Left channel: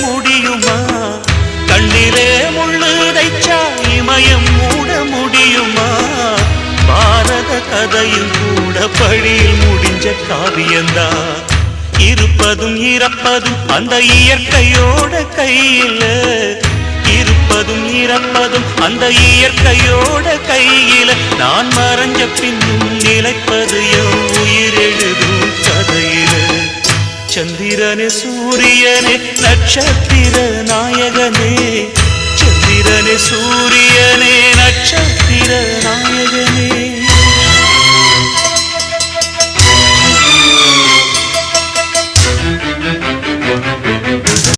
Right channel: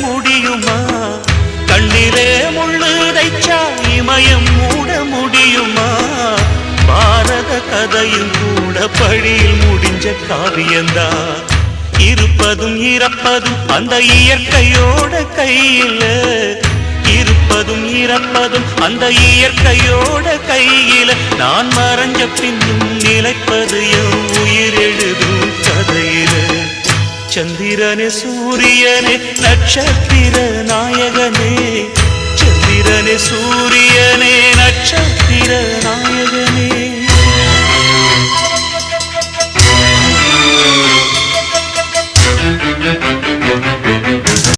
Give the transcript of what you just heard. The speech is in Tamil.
முடியுமா? கண்ணிலே முள்ளு தைச்சா இமயம் மூட முடியுமா? பாரத கதையும் கூட பழியில் முடிஞ்ச காவியந்தான். இருப்பதும் இறப்பதும் அந்த இயற்கையோட கையில, இருப்பதும் இறப்பதும் அந்த இயற்கையோட கையில. நான் மறைஞ்ச பின்னும் நிலைப்பது என் உயிர் எழுதும் கதையில. சந்திரனே சூரியனே நட்சத்திர நாயகனே, சந்திரனே சூரியனே நட்சத்திர நாயகனே.